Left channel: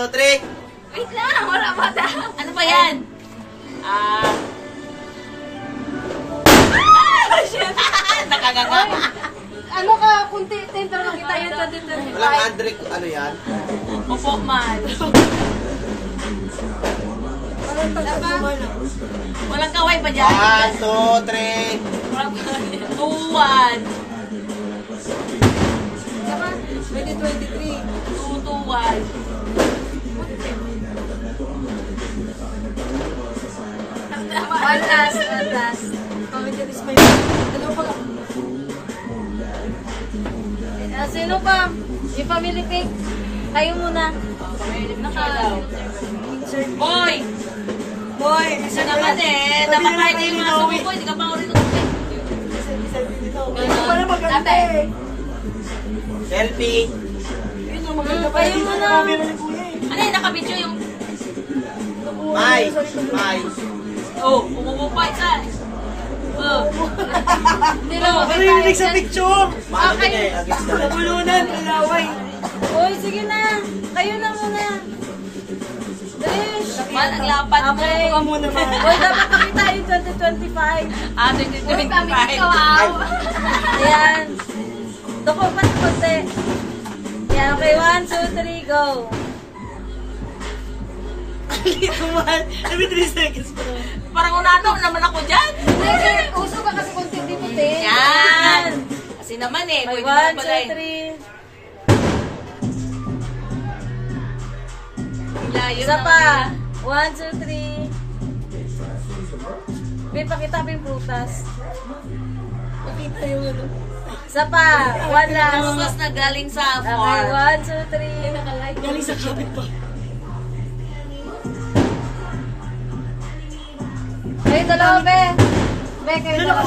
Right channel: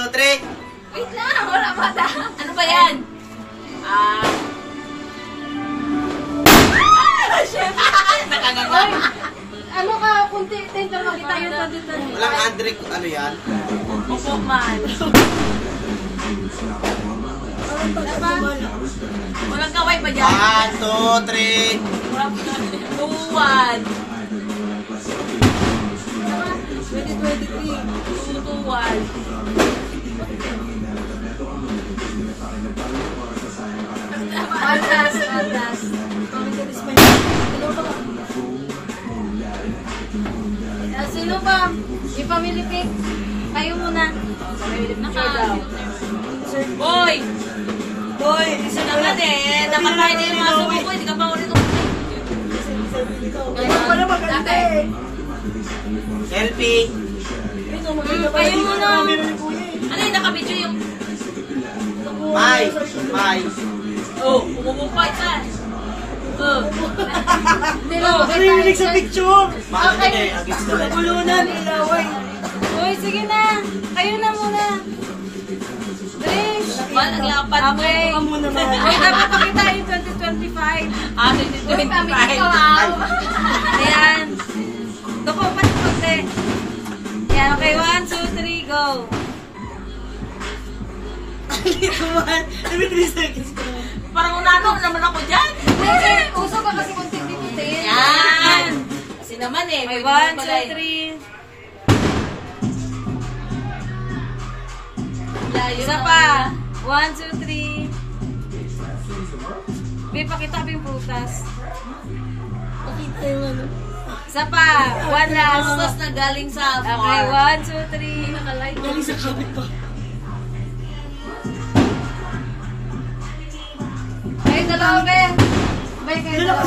2, 3. Wait lang, wala mata. Ano ba yan? Nakaganga. Ano ka, kunti, pero makita yun. Walang Andric, ano yan? Opo, man. Walang kaway pa dyan. 1, 2, 3. 2, 1. 2023. 2, 2, 1. One last. Pamitiris pa yun. Dalawa pa ka. Sino pa? Yung family pick. Kayo muna. Boy! Boy! Isa naman eh. Dapat kayo na yung mga sumo ko. Hindi ka pa ulit. Ano pala maganda eh. Selfie. Kayo muna. Ano yung nakabidyo yung... May. Oh, pumumupa isa. Oh. Ano yung sa picture? Okay. Nabulunan, ilaway. Uy, sige na. Kayo na muna. Dres. Man, ang lapat mo. Okay. Ako muna ba? Uy, dapat pakita yung 2025. 2025. Ayan. Doko pa sa konti. Ayan, okay. 1, 2, 3, go. Every 3 seconds ko. Parang unano naman ako dyan. Uso ka kasi konti dito, Tin. Yan. Kasi naman eh. Okay, 1, 2, 3. Layo Isa na. pa. 1, 2, 3. May pakita pa yung putas. Pakita yung ano. Isa pa. 1 last. Mas na galing sa Okay, farm. 1, 2, 3. Galing sa kapit pa. Ay, dalawa, be. Be, kayo dalawa.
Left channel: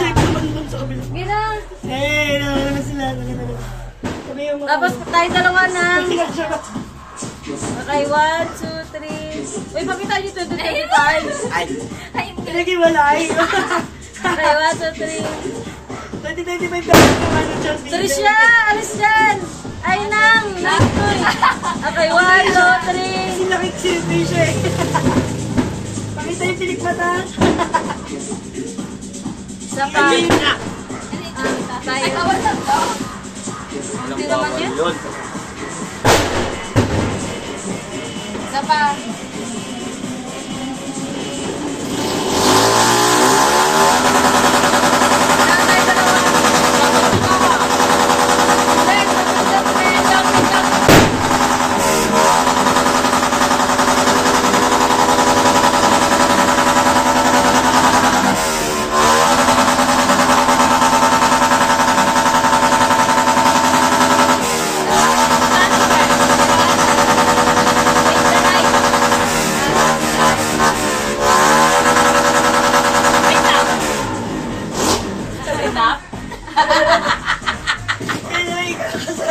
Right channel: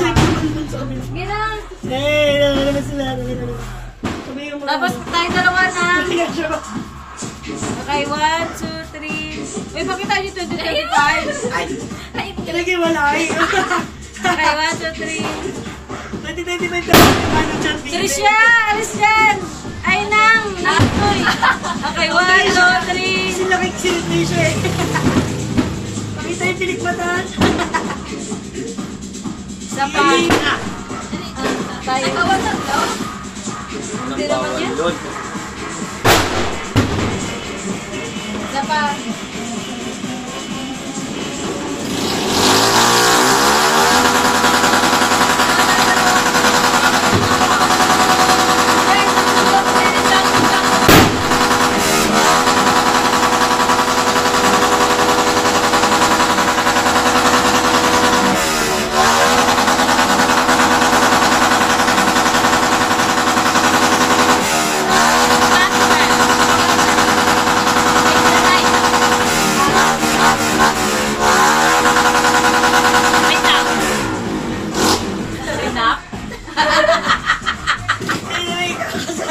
Gina. Eh, naman sila. Tapos tayo dalawa na. Okay, 1, 2, 3. Uy, pakita nyo 2025. Ay. Talagay malay. Okay, 1, 2, 3. 2025 ano dyan, Trisha, alis dyan. Ay, nang. Nakoy. Okay, 1, 2, 3. Sila kay Trisha eh. Pakita yung tinikmatan. Isa pa. Tayo. Hindi naman yun. Isa pa.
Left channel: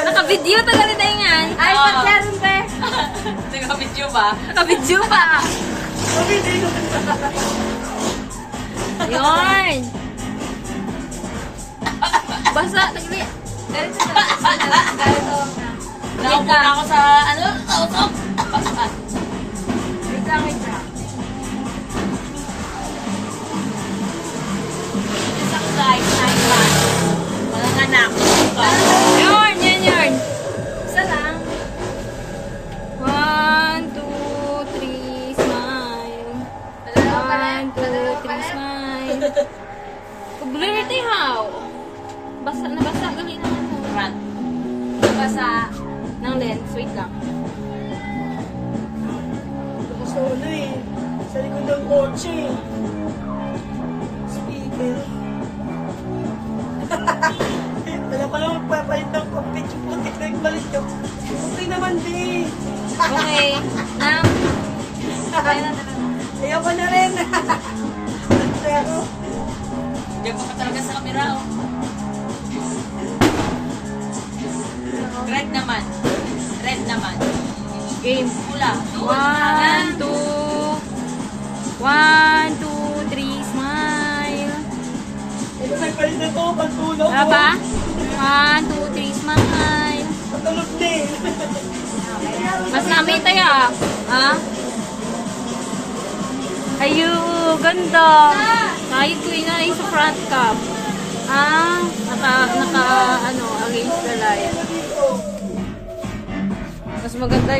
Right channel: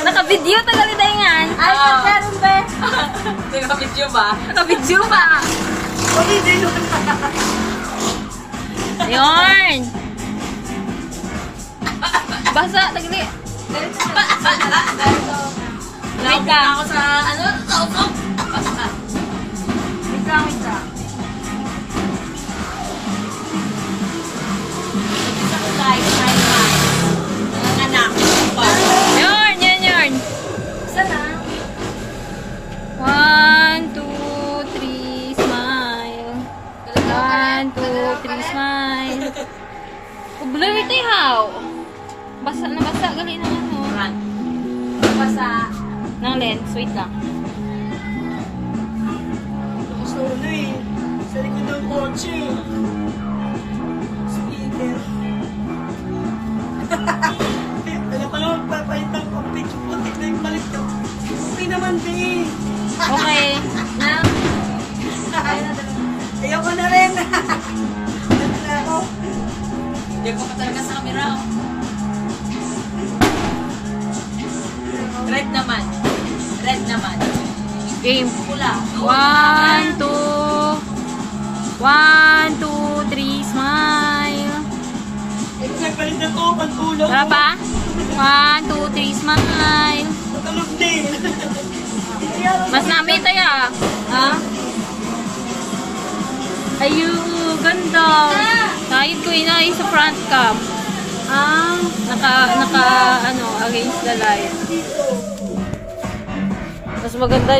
Naka-video tagal ni Daingan. Ay, pagkaroon ba? Naka-video ba? Naka-video ba? Ayun. Basa, tagali. Naupo na ako sa ano? Kautok. Wait lang. Isa ko guys. Time. Mga anak. Yarn. Isa lang. 1, 2, 3, smile. 1, 2, 3, smile. Pagbuloy mo ito ihaw. Basa na basa. Gali na mo. Run. Basa. Ng lens. Wait lang. Gusto ko na eh. Sa likod ng kotse. Speaker. Wala pa naman papalit ng picture po. Tignan yung balik na. Okay naman, di. Okay. Nang. Ayaw ko na rin. Ano ako? Diyan ko pa talaga sa camera. Oh. Red naman. Game. Pula. 1, 2. 1, 2, 3, smile. Ito nagpalit na to. Pantulog. Tara pa? 1, 2, 3, smile. Patulog din. Mas nami tayo ah. Ha? Ayu, ganda. Kahit ko inay sa front cam. Ah, naka, ano, against the light. Mas maganda